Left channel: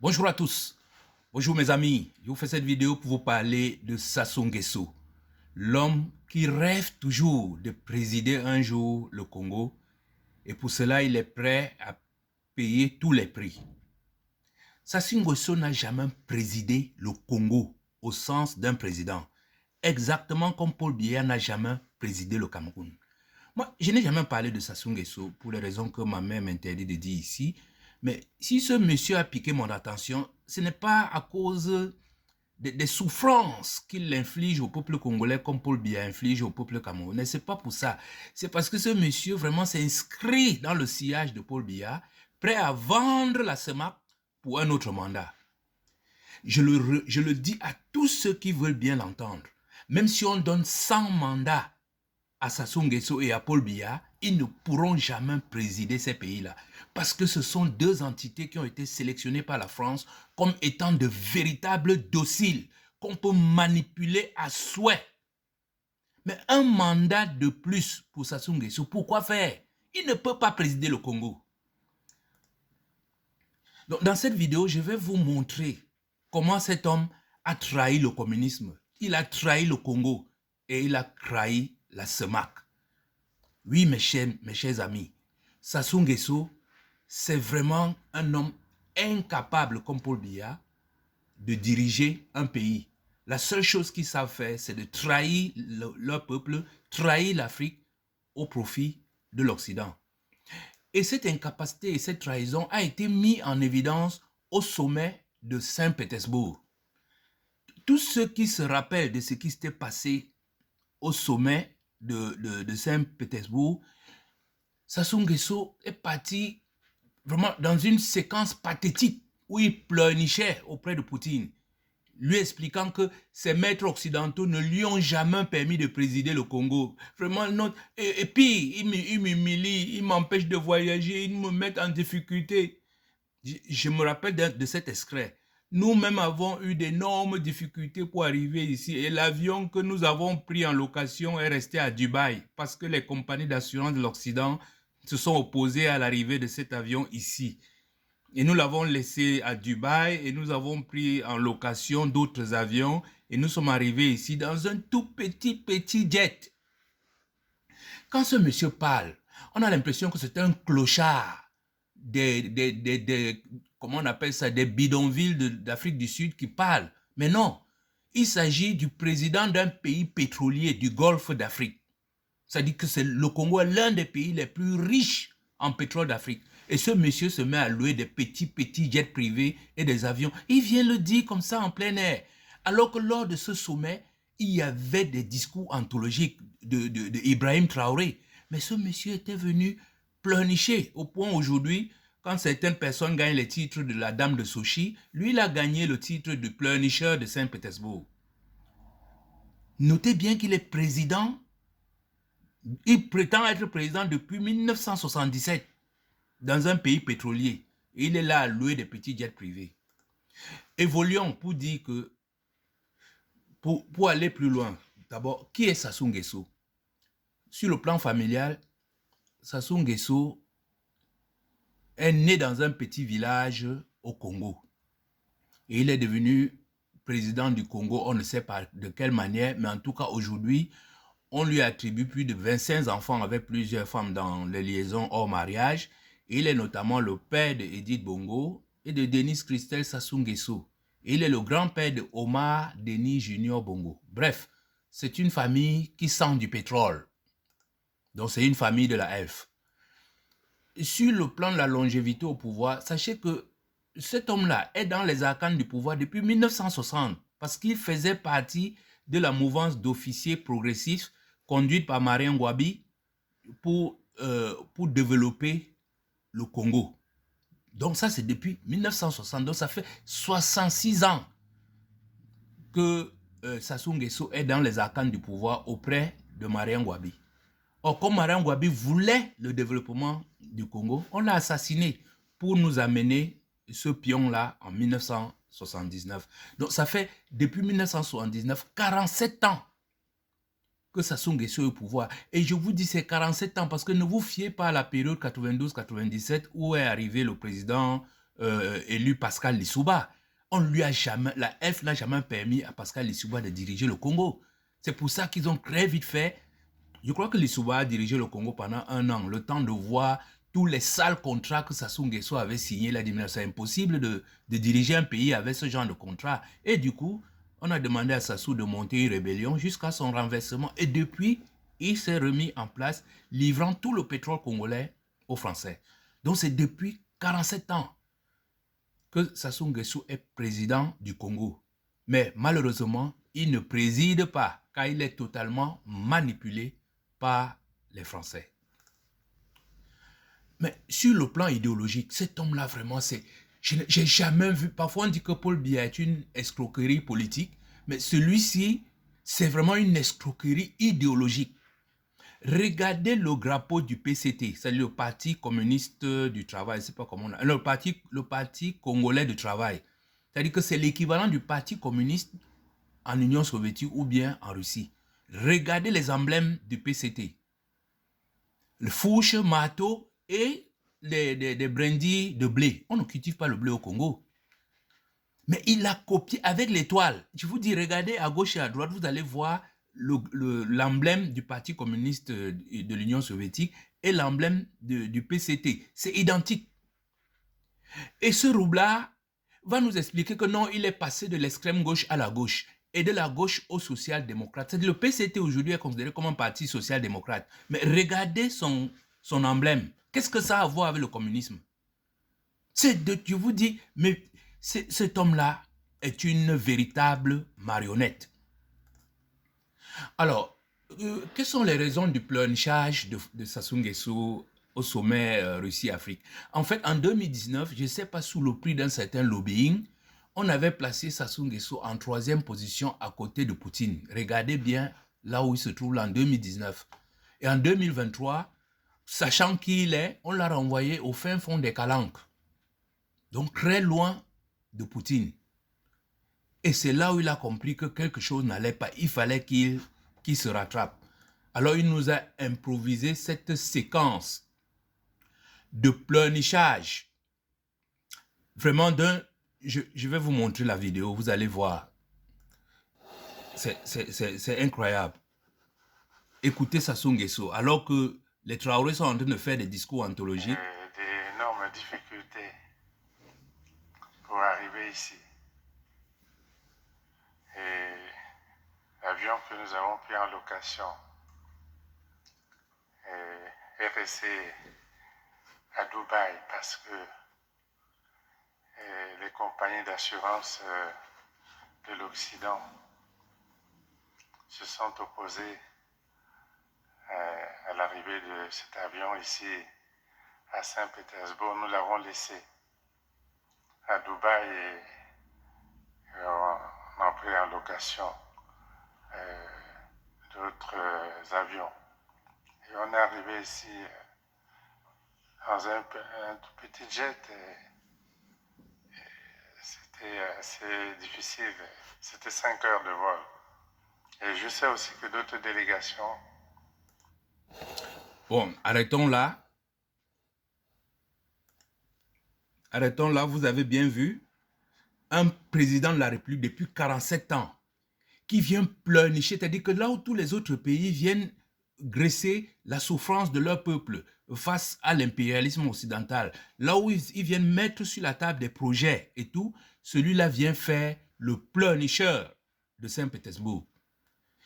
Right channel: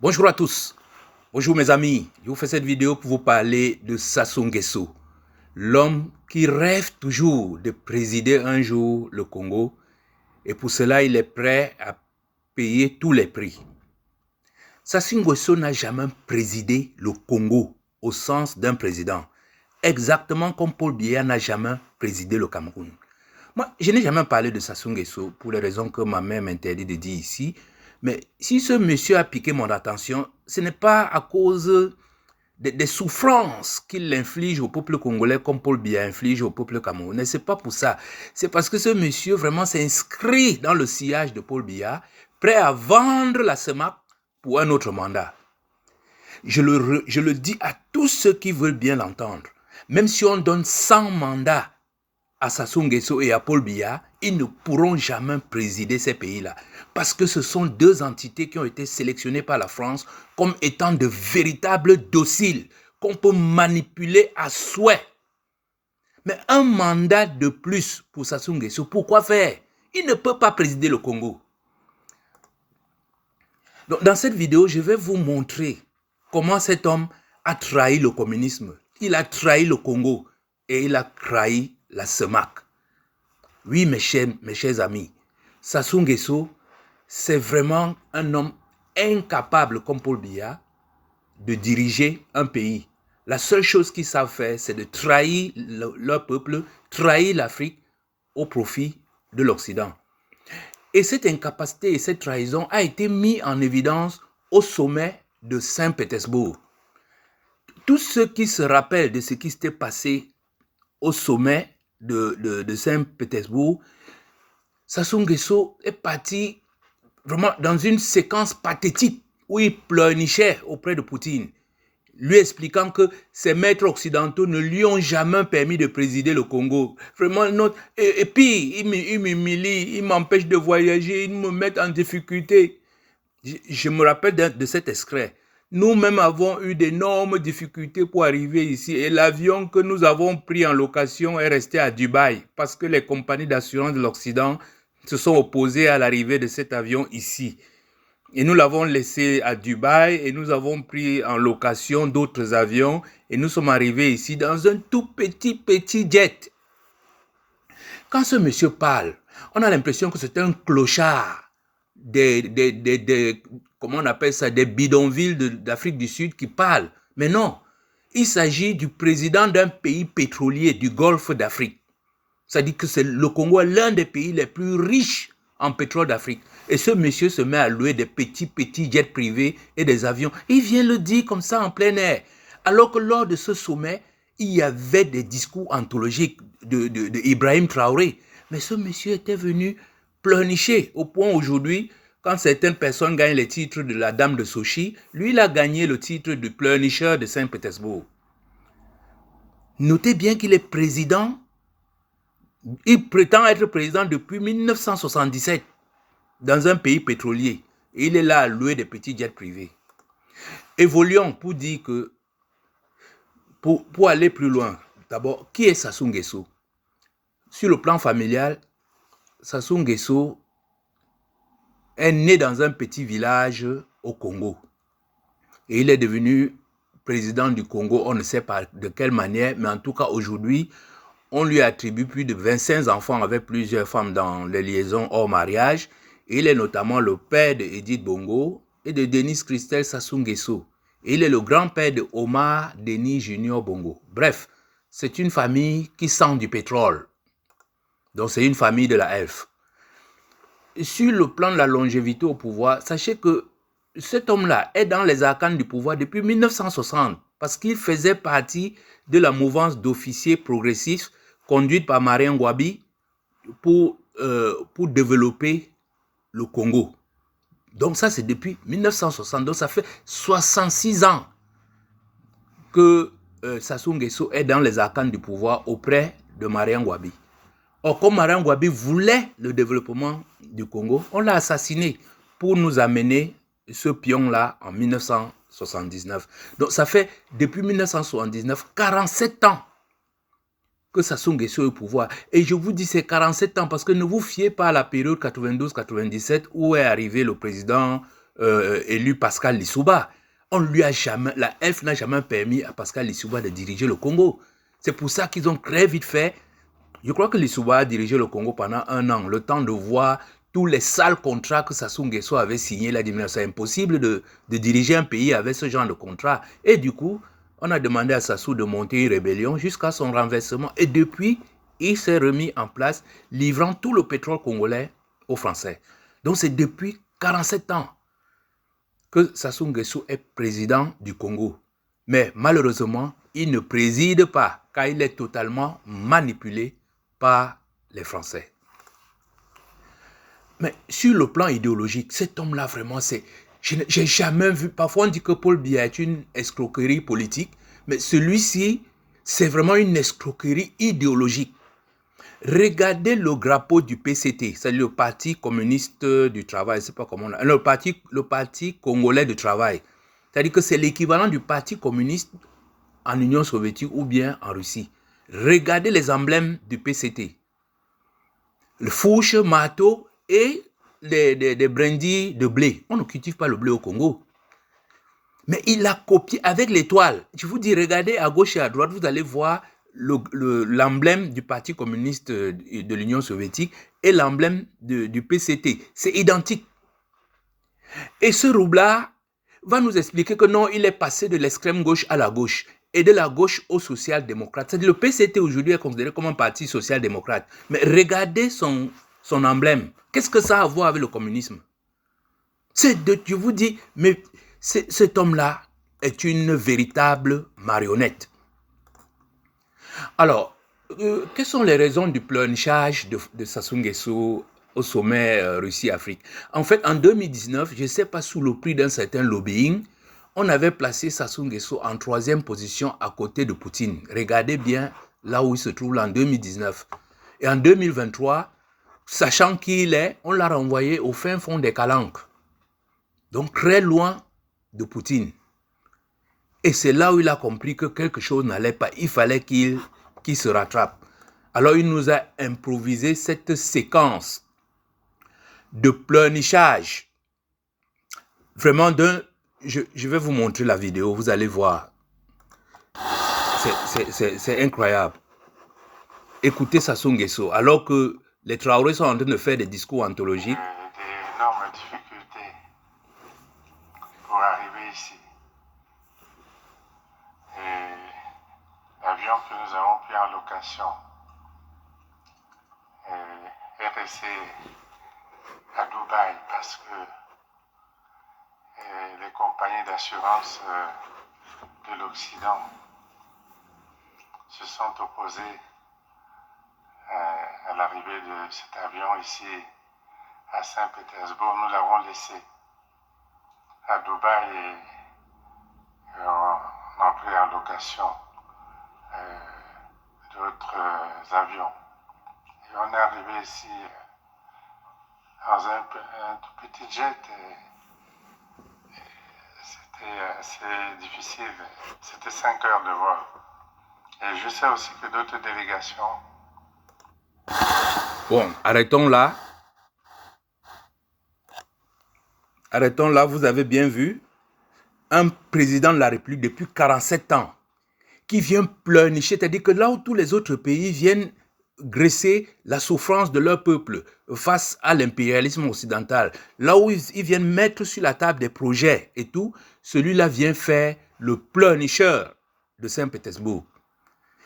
Bonjour à tous, bonjour mes amis, je vous fais cette vidéo pour vous parler de Sassou Nguesso, l'homme qui rêve toujours de présider un jour le Congo et pour cela il est prêt à payer tous les prix. Sassou Nguesso n'a jamais présidé le Congo au sens d'un président, exactement comme Paul Biya n'a jamais présidé le Cameroun. Moi, je n'ai jamais parlé de Sassou Nguesso pour les raisons que ma mère m'interdit de dire ici. Mais si ce monsieur a piqué mon attention, ce n'est pas à cause des souffrances qu'il inflige au peuple congolais comme Paul Biya inflige au peuple camerounais. Ce n'est pas pour ça. C'est parce que ce monsieur vraiment s'inscrit dans le sillage de Paul Biya, prêt à vendre la SEMAC pour un autre mandat. Je le dis à tous ceux qui veulent bien l'entendre. Même si on donne 100 mandats à Sassou Nguesso et à Paul Biya, ils ne pourront jamais présider ces pays-là. Parce que ce sont deux entités qui ont été sélectionnées par la France comme étant de véritables dociles qu'on peut manipuler à souhait. Mais un mandat de plus pour Sassou Nguesso, pourquoi faire? Il ne peut pas présider le Congo. Donc, dans cette vidéo, je vais vous montrer comment cet homme a trahi le communisme. Il a trahi le Congo et il a trahi la SEMAC. Oui, mes chers amis, Sassou Nguesso, c'est vraiment un homme incapable, comme Paul Biya, de diriger un pays. La seule chose qu'ils savent faire, c'est de trahir leur peuple, trahir l'Afrique au profit de l'Occident. Et cette incapacité et cette trahison a été mise en évidence au sommet de Saint-Pétersbourg. Tous ceux qui se rappellent de ce qui s'était passé au sommet de Saint-Pétersbourg, Sassou Nguesso est parti vraiment dans une séquence pathétique où il pleurnichait auprès de Poutine, lui expliquant que ses maîtres occidentaux ne lui ont jamais permis de présider le Congo. Vraiment, et puis, il m'humilie, il m'empêche de voyager, il me met en difficulté. Je me rappelle de cet extrait. Nous-mêmes avons eu d'énormes difficultés pour arriver ici et l'avion que nous avons pris en location est resté à Dubaï parce que les compagnies d'assurance de l'Occident se sont opposées à l'arrivée de cet avion ici. Et nous l'avons laissé à Dubaï et nous avons pris en location d'autres avions et nous sommes arrivés ici dans un tout petit jet. Quand ce monsieur parle, on a l'impression que c'est un clochard comment on appelle ça, des bidonvilles d'Afrique du Sud qui parle. Mais non, il s'agit du président d'un pays pétrolier du Golfe d'Afrique. C'est-à-dire que le Congo est l'un des pays les plus riches en pétrole d'Afrique. Et ce monsieur se met à louer des petits jets privés et des avions. Il vient le dire comme ça en plein air. Alors que lors de ce sommet, il y avait des discours anthologiques de Ibrahim Traoré. Mais ce monsieur était venu pleurnicher au point aujourd'hui, quand certaines personnes gagnent les titres de la dame de Sochi, lui, il a gagné le titre de pleurnicheur de Saint-Pétersbourg. Notez bien qu'il est président. Il prétend être président depuis 1977 dans un pays pétrolier. Et il est là à louer des petits jets privés. Évoluons pour dire que, pour aller plus loin, d'abord, qui est Sassou Nguesso? Sur le plan familial, Sassou Nguesso est né dans un petit village au Congo. Et il est devenu président du Congo, on ne sait pas de quelle manière, mais en tout cas aujourd'hui, on lui attribue plus de 25 enfants avec plusieurs femmes dans les liaisons hors mariage. Et il est notamment le père de Edith Bongo et de Denis Christelle Sassou Nguesso. Et il est le grand-père de Omar Denis Junior Bongo. Bref, c'est une famille qui sent du pétrole. Donc c'est une famille de la F. Sur le plan de la longévité au pouvoir, sachez que cet homme-là est dans les arcanes du pouvoir depuis 1960 parce qu'il faisait partie de la mouvance d'officiers progressifs conduite par Marien Ngouabi pour développer le Congo. Donc ça, c'est depuis 1960. Donc ça fait 66 ans que Sassou Nguesso est dans les arcanes du pouvoir auprès de Marien Ngouabi. Or, comme Marien Ngouabi voulait le développement du Congo, on l'a assassiné pour nous amener ce pion-là en 1979. Donc ça fait depuis 1979, 47 ans que Sassou Nguesso est au pouvoir. Et je vous dis c'est 47 ans parce que ne vous fiez pas à la période 92-97 où est arrivé le président élu Pascal Lissouba. La F n'a jamais permis à Pascal Lissouba de diriger le Congo. C'est pour ça qu'ils ont très vite fait. Je crois que Lissouba a dirigé le Congo pendant 1 an, le temps de voir tous les sales contrats que Sassou Nguesso avait signés. Il a dit, mais c'est impossible de diriger un pays avec ce genre de contrat. Et du coup, on a demandé à Sassou de monter une rébellion jusqu'à son renversement. Et depuis, il s'est remis en place, livrant tout le pétrole congolais aux Français. Donc c'est depuis 47 ans que Sassou Nguesso est président du Congo. Mais malheureusement, il ne préside pas, car il est totalement manipulé par les Français. Mais sur le plan idéologique, cet homme-là, vraiment, j'ai jamais vu. Parfois, on dit que Paul Biya est une escroquerie politique, mais celui-ci, c'est vraiment une escroquerie idéologique. Regardez le drapeau du PCT, c'est le Parti communiste du travail, je ne sais pas comment on a, le parti congolais du travail. C'est-à-dire que c'est l'équivalent du Parti communiste en Union soviétique ou bien en Russie. Regardez les emblèmes du PCT. Le fourche, marteau et des brindilles de blé. On ne cultive pas le blé au Congo. Mais il a copié avec l'étoile. Je vous dis, regardez à gauche et à droite, vous allez voir l'emblème du Parti communiste de l'Union soviétique et l'emblème du PCT. C'est identique. Et ce roublard va nous expliquer que non, il est passé de l'extrême gauche à la gauche et de la gauche au social-démocrate. C'est-à-dire le PCT aujourd'hui est considéré comme un parti social-démocrate. Mais regardez son emblème. Qu'est-ce que ça a à voir avec le communisme? Je vous dis, mais cet homme-là est une véritable marionnette. Alors, quelles sont les raisons du pleurnichage de Sassou Nguesso au sommet Russie-Afrique? En fait, en 2019, je ne sais pas, sous le prix d'un certain lobbying, on avait placé Sassou Nguesso en 3e position à côté de Poutine. Regardez bien là où il se trouve là en 2019. Et en 2023, sachant qui il est, on l'a renvoyé au fin fond des Calanques. Donc très loin de Poutine. Et c'est là où il a compris que quelque chose n'allait pas. Il fallait qu'il se rattrape. Alors il nous a improvisé cette séquence de pleurnichage. Vraiment je vais vous montrer la vidéo, vous allez voir. C'est incroyable. Écoutez Sassou Nguesso, alors que les Traoré sont en train de faire des discours anthologiques. D'énormes difficultés pour arriver ici. Et l'avion que nous avons pris en location est resté à Dubaï parce que les compagnies d'assurance de l'Occident se sont opposées à l'arrivée de cet avion ici à Saint-Pétersbourg. Nous l'avons laissé à Dubaï et on a pris en location d'autres avions. Et on est arrivé ici dans un tout petit jet. C'était assez difficile. C'était 5 heures de vol. Et je sais aussi que d'autres délégations... Bon, arrêtons là. Arrêtons là, vous avez bien vu. Un président de la République depuis 47 ans qui vient pleurnicher, c'est-à-dire que là où tous les autres pays viennent graisser la souffrance de leur peuple face à l'impérialisme occidental, là où ils viennent mettre sur la table des projets et tout, celui-là vient faire le pleurnicheur de Saint-Pétersbourg.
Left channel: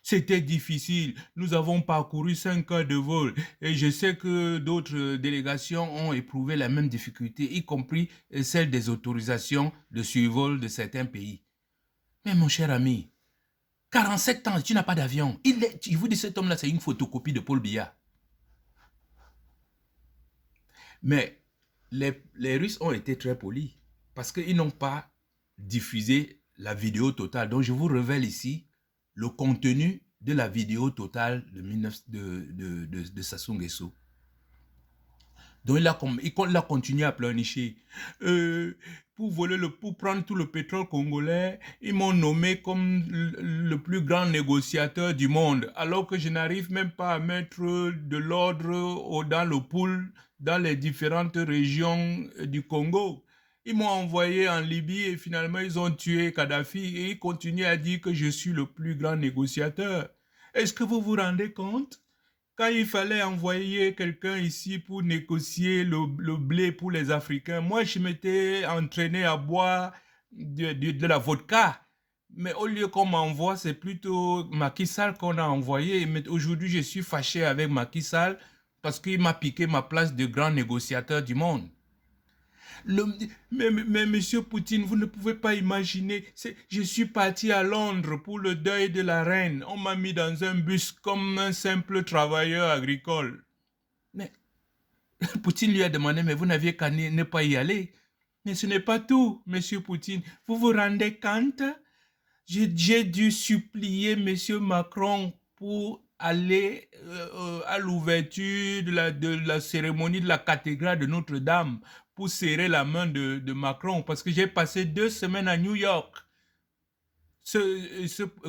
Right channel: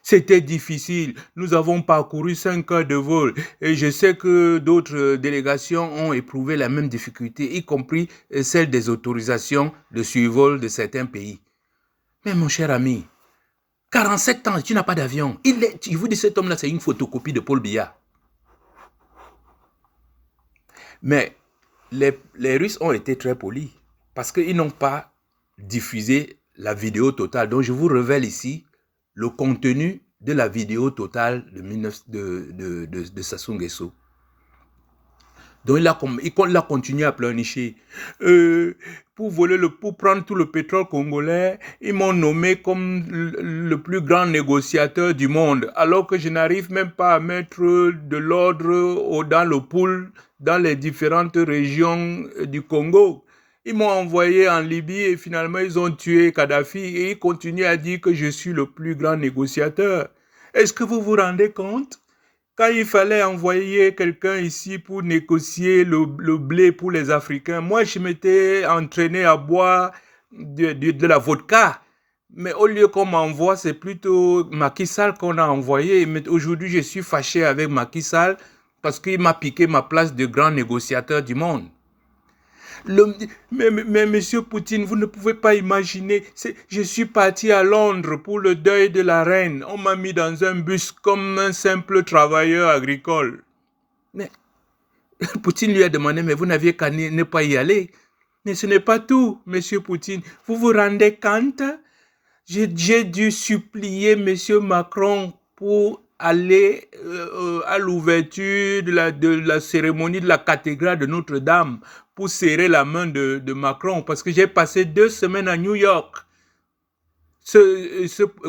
C'était difficile, nous avons parcouru 5 heures de vol et je sais que d'autres délégations ont éprouvé la même difficulté, y compris celle des autorisations de survol de certains pays. Mais mon cher ami, 47 ans, tu n'as pas d'avion. Je vous dis, cet homme-là, c'est une photocopie de Paul Biya. Mais les Russes ont été très polis parce qu'ils n'ont pas diffusé la vidéo totale. Donc, je vous révèle ici le contenu de la vidéo totale de Sassou Nguesso. Donc, il a continué à pleurnicher. Pour prendre tout le pétrole congolais, ils m'ont nommé comme le plus grand négociateur du monde, alors que je n'arrive même pas à mettre de l'ordre dans le pool, dans les différentes régions du Congo. Ils m'ont envoyé en Libye et finalement, ils ont tué Kadhafi et ils continuent à dire que je suis le plus grand négociateur. Est-ce que vous vous rendez compte? Quand il fallait envoyer quelqu'un ici pour négocier le blé pour les Africains, moi, je m'étais entraîné à boire de la vodka. Mais au lieu qu'on m'envoie, c'est plutôt Macky Sall qu'on a envoyé. Mais aujourd'hui, je suis fâché avec Macky Sall parce qu'il m'a piqué ma place de grand négociateur du monde. Mais monsieur Poutine, vous ne pouvez pas imaginer. Je suis parti à Londres pour le deuil de la reine. On m'a mis dans un bus comme un simple travailleur agricole. Mais Poutine lui a demandé, mais vous n'aviez qu'à ne pas y aller. Mais ce n'est pas tout, monsieur Poutine. Vous vous rendez compte? J'ai dû supplier monsieur Macron pour aller à l'ouverture de la cérémonie de la cathédrale de Notre-Dame pour serrer la main de Macron parce que j'ai passé 2 semaines à New York.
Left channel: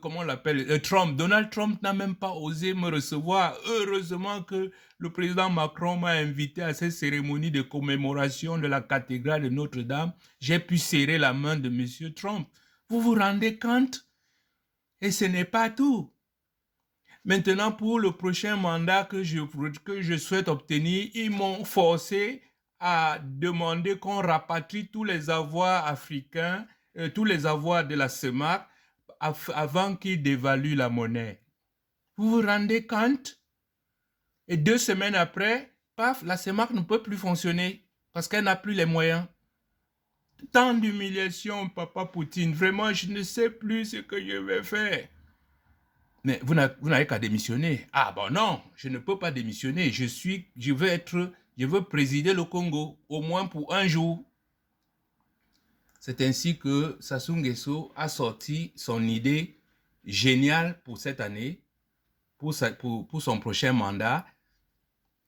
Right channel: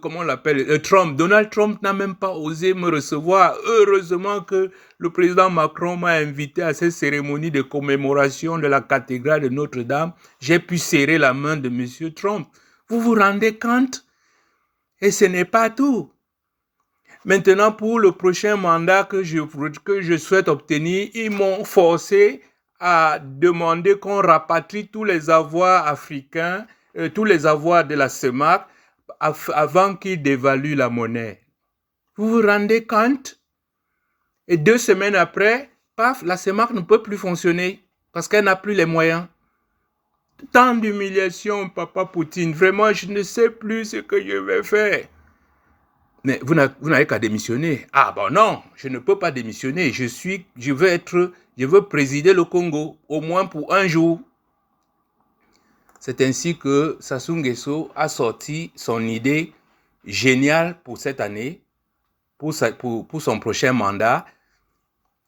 Comment on l'appelle, Donald Trump n'a même pas osé me recevoir. Heureusement que le président Macron m'a invité à cette cérémonie de commémoration de la cathédrale de Notre-Dame. J'ai pu serrer la main de monsieur Trump. Vous vous rendez compte? Et ce n'est pas tout. Maintenant, pour le prochain mandat que je souhaite obtenir, ils m'ont forcé à demander qu'on rapatrie tous les avoirs africains, tous les avoirs de la CEMAC, avant qu'ils dévaluent la monnaie. Vous vous rendez compte? Et 2 semaines après, paf, la CEMAC ne peut plus fonctionner parce qu'elle n'a plus les moyens. Tant d'humiliation, papa Poutine. Vraiment, je ne sais plus ce que je vais faire. Mais vous n'avez qu'à démissionner. Ah bon non, je ne peux pas démissionner. Je veux présider le Congo, au moins pour un jour. C'est ainsi que Sassou Nguesso a sorti son idée géniale pour cette année, pour son prochain mandat.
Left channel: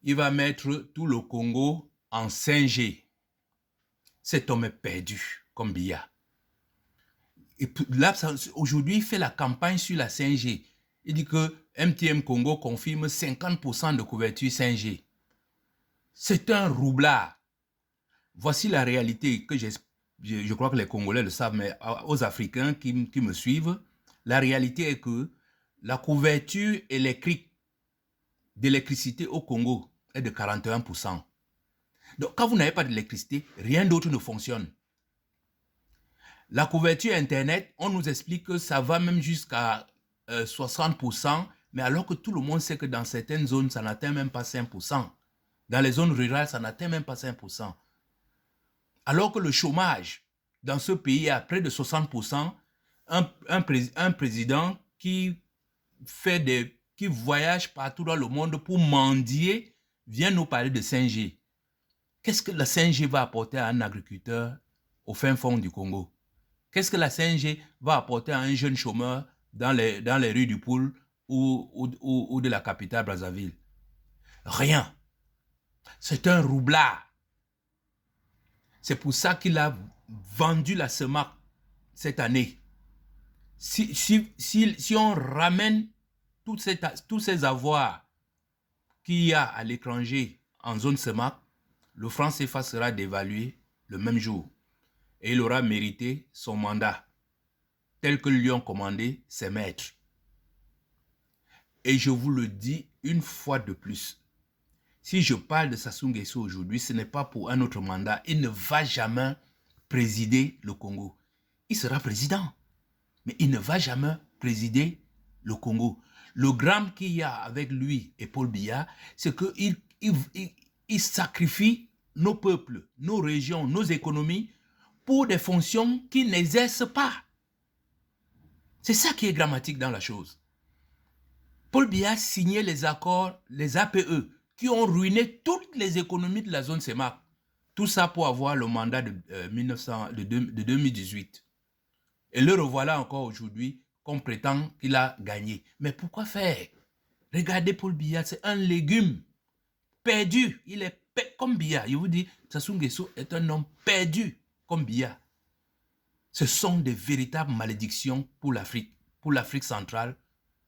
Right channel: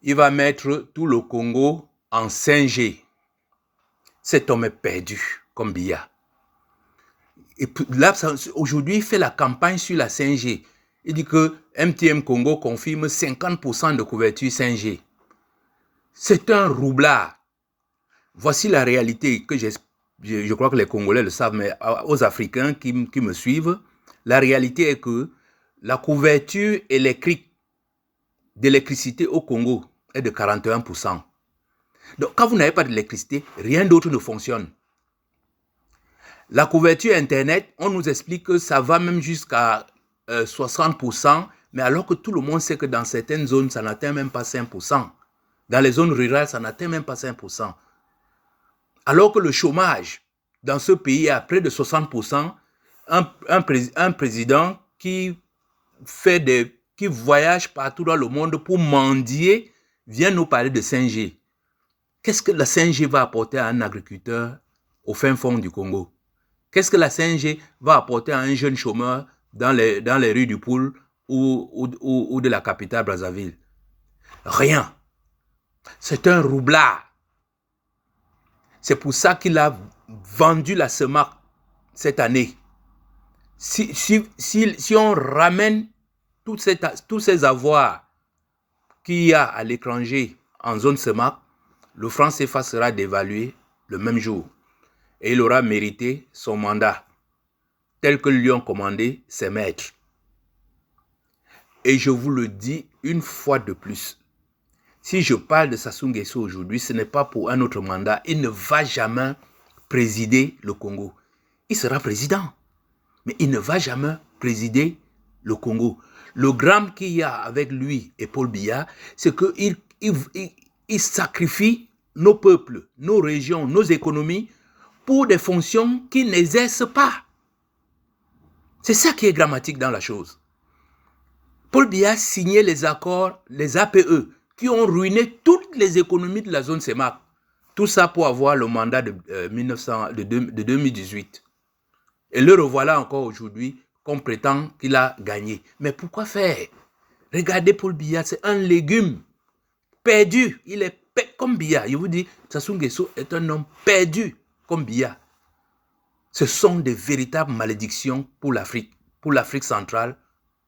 Il va mettre tout le Congo en 5G. Cet homme est perdu, comme Biya. Et là, aujourd'hui, il fait la campagne sur la 5G. Il dit que MTN Congo confirme 50% de couverture 5G. C'est un roublard. Voici la réalité que je crois que les Congolais le savent, mais aux Africains qui me suivent, la réalité est que la couverture électrique d'électricité au Congo est de 41%. Donc, quand vous n'avez pas d'électricité, rien d'autre ne fonctionne. La couverture Internet, on nous explique que ça va même jusqu'à 60%, mais alors que tout le monde sait que dans certaines zones, ça n'atteint même pas 5%. Dans les zones rurales, ça n'atteint même pas 5%. Alors que le chômage dans ce pays est à près de 60%, un président qui voyage partout dans le monde pour mendier vient nous parler de 5G. Qu'est-ce que la 5G va apporter à un agriculteur au fin fond du Congo? Qu'est-ce que la 5G va apporter à un jeune chômeur dans les rues du Poul ou de la capitale Brazzaville? Rien. C'est un roublard. C'est pour ça qu'il a vendu la CEMAC cette année. Si on ramène tous ces avoirs qu'il y a à l'étranger en zone CEMAC, le franc CFA sera dévalué le même jour. Et il aura mérité son mandat, tel que lui ont commandé ses maîtres. Et je vous le dis une fois de plus, si je parle de Sassou Nguesso aujourd'hui, ce n'est pas pour un autre mandat. Il ne va jamais présider le Congo. Il sera président, mais il ne va jamais présider le Congo. Le drame qu'il y a avec lui et Paul Biya, c'est qu'il sacrifie nos peuples, nos régions, nos économies pour des fonctions qu'il n'exerce pas. C'est ça qui est dramatique dans la chose. Paul Biya a signé les accords, les APE, qui ont ruiné toutes les économies de la zone CEMAC. Tout ça pour avoir le mandat de 2018. Et le revoilà encore aujourd'hui, qu'on prétend qu'il a gagné. Mais pourquoi faire? Regardez Paul Biya, c'est un légume perdu. Il est comme Biya. Je vous dis, Sassou Nguesso est un homme perdu comme Biya. Ce sont des véritables malédictions pour l'Afrique centrale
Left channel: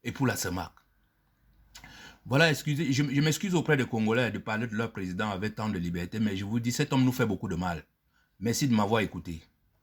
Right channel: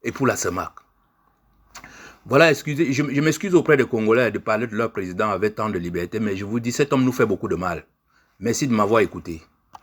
et pour la CEMAC. Voilà, excusez, je m'excuse auprès des Congolais de parler de leur président avec tant de liberté, mais je vous dis, cet homme nous fait beaucoup de mal. Merci de m'avoir écouté.